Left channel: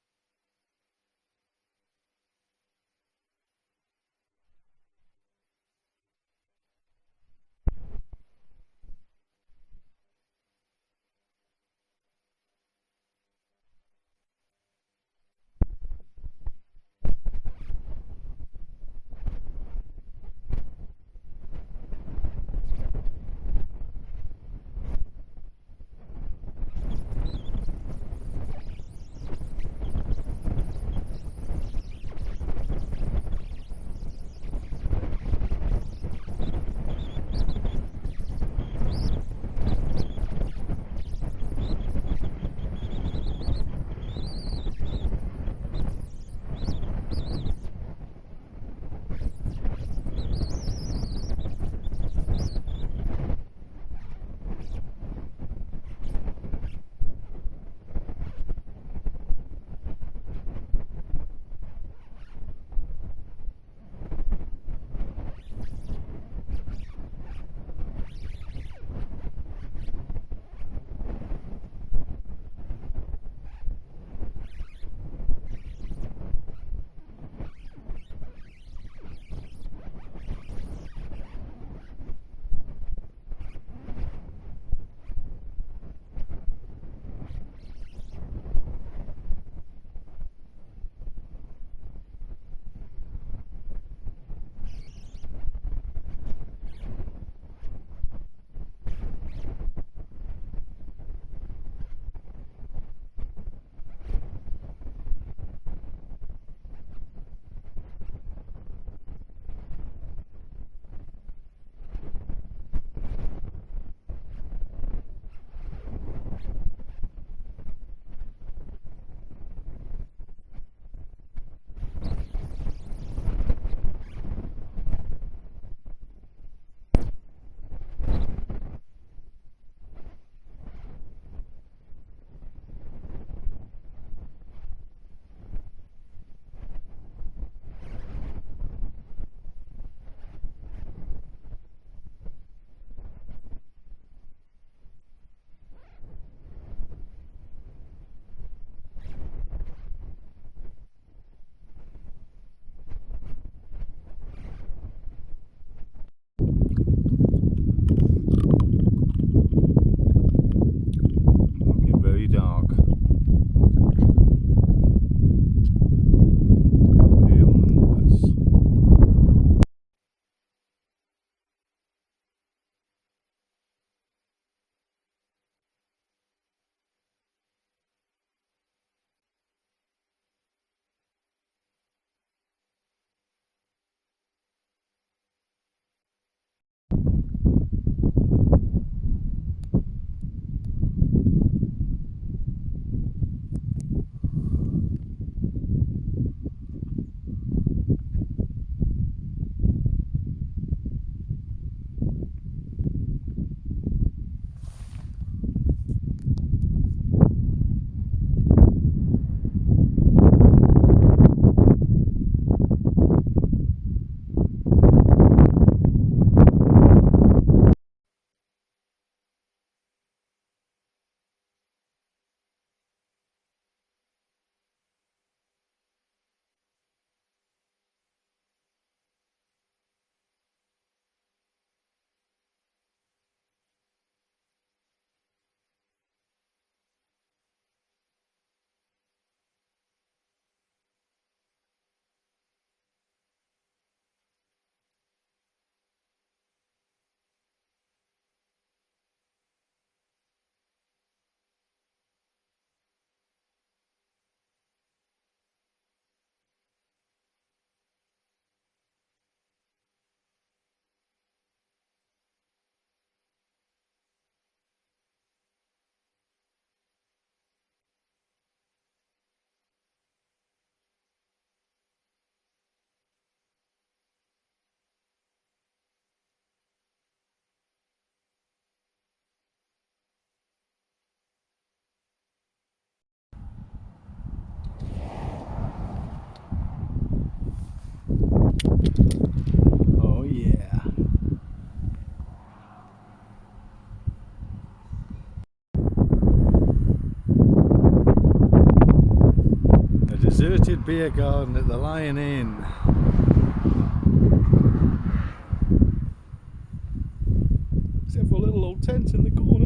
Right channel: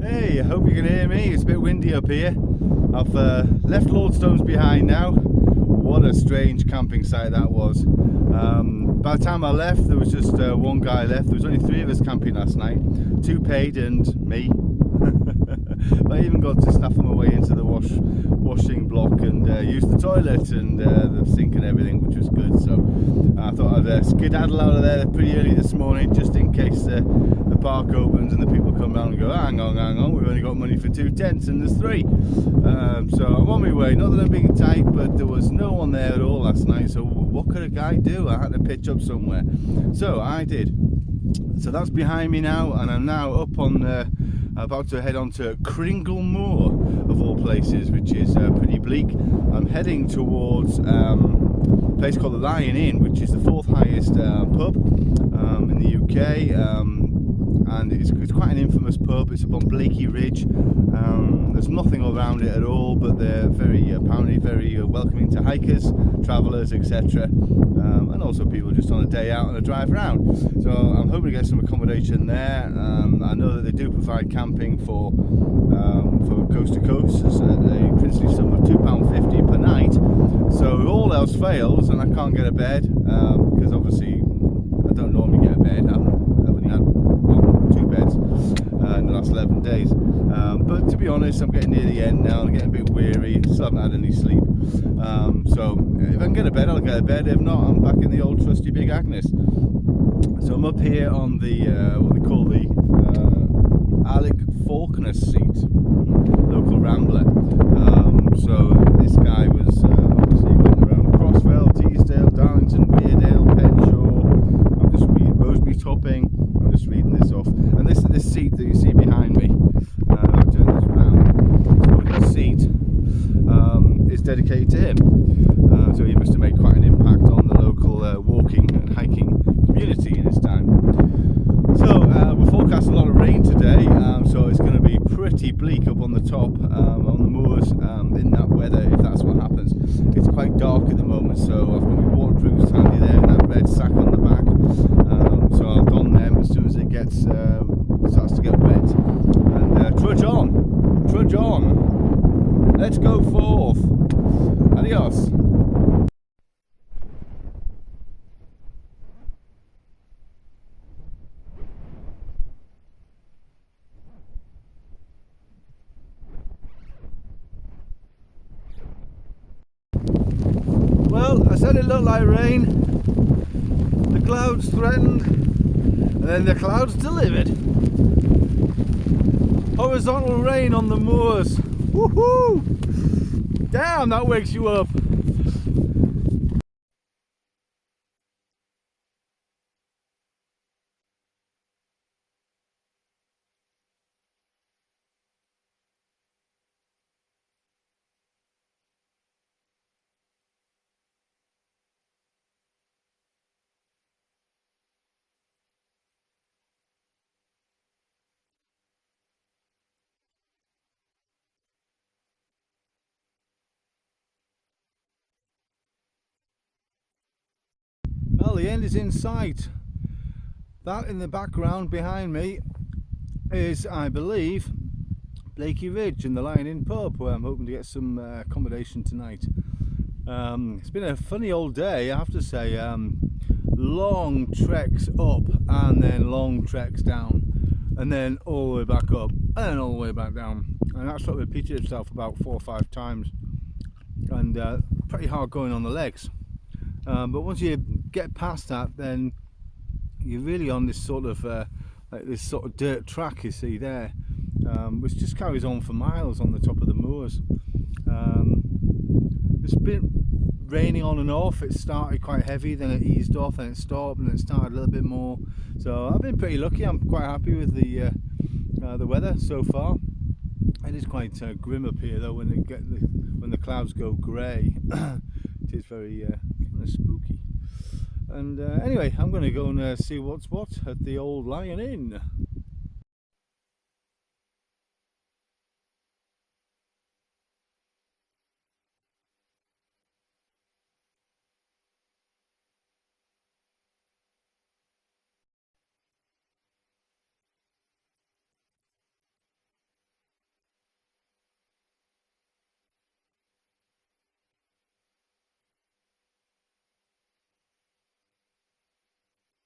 Hey, I hope you can hear me. It's a bit windy up here. I've left Lordstones behind now. What a strange camping site that was. By the time I left, there was just one guy left. There was only 3 of us camping last night. 2 paid and me. But I even got to snaff my way into the washing block and use the toilet and the sink and everything, which was good. So I thought I'd skedaddle out of there pretty early this morning, just in case the park opens and the people come around and go, hang on, we've only got money for 2 tents and there's 3. So I'm on my way. Not that I'm being tight, but there was no one there at all last night. So what could a guy do? I had to pitch up somewhere. So I did. So that's behind me now, and I'm now up on about to head on to Kringle Moor, of all places, which is pretty bleak. I'm heading towards a place called the Lion Inn, which is the 4th highest pub in the UK, and it's quite an infamous pub. It's up on Blakey Ridge. There's nothing around it at all, but they're apparently very welcoming to hikers, travellers, etc. And also people just on a day out and a drive around. So I'm hoping to get some accommodation there. I know that they do provide camping for coast to coast at a princely sum of £2.50 per night. So if all else fails and I can't get a bed, because obviously I don't normally get a bed, I've only had 2 beds in the last 11 days. But to be honest, I'm getting near the end now. I'm getting a bit weary. Still haven't had any sleep. So if I can get a bed, I'll get a bed. If not, I'm back in the old trusty Big Agnes. So I'm up here on the what they call the Alec Faulkner seat, local rambler. So this guy was obviously went around Crossfell, Teesdale, Darlington, Weardale, Penshaw. I'm just reading Roseby Topping. I'm just reading this off. And this seat that you see behind me. I'll turn this around. So this seat is dedicated to him. So he must have made quite an impact on the local walking and hiking community in his time. So we're forecasting a lot of rain today, so it's going to be pretty bleak up on the top, on the moors, in that weather, if that's what happens. It's quite dark at the moment, so I've got my waterproofs handy there and that red sack on the back, so I'll don them as soon as it gets starts to get wet. And trudge on, let's go forth. Adios. Very dark. Well, I said it looked like rain. The clouds threatened, and then the clouds delivered. Horizontal rain on the moors. Woohoo! Damn, that wakes you up. The end is in sight. That in the background behind me is, I believe, Blakey Ridge and the Lion Inn pub, where I'm hoping to get some accommodation tonight. It's been a funny old day, I have to say. Long treks up and then long treks down, and then all the way back up and then all the way back down, and that sort of repeated itself about 4 or 5 times, and pretty hard going on the legs. But once you get past that, then you're really on this sort of like this sort of dirt track you see there, which just carries on for miles on the top of the moors. It's been raining on and off. It started quite heavy, then it eased off, then it stopped, and it started a little bit more. So I've been pretty lucky. I'm quite happy with the weather so far. It is quite grim up here though when the clouds go grey. It is very kind of spooky. And anyway, I'm going to go and see what's what at the old Lion Inn. Oh yeah. Deserted beer garden at the Lion Inn. Except for a little old tent in the corner.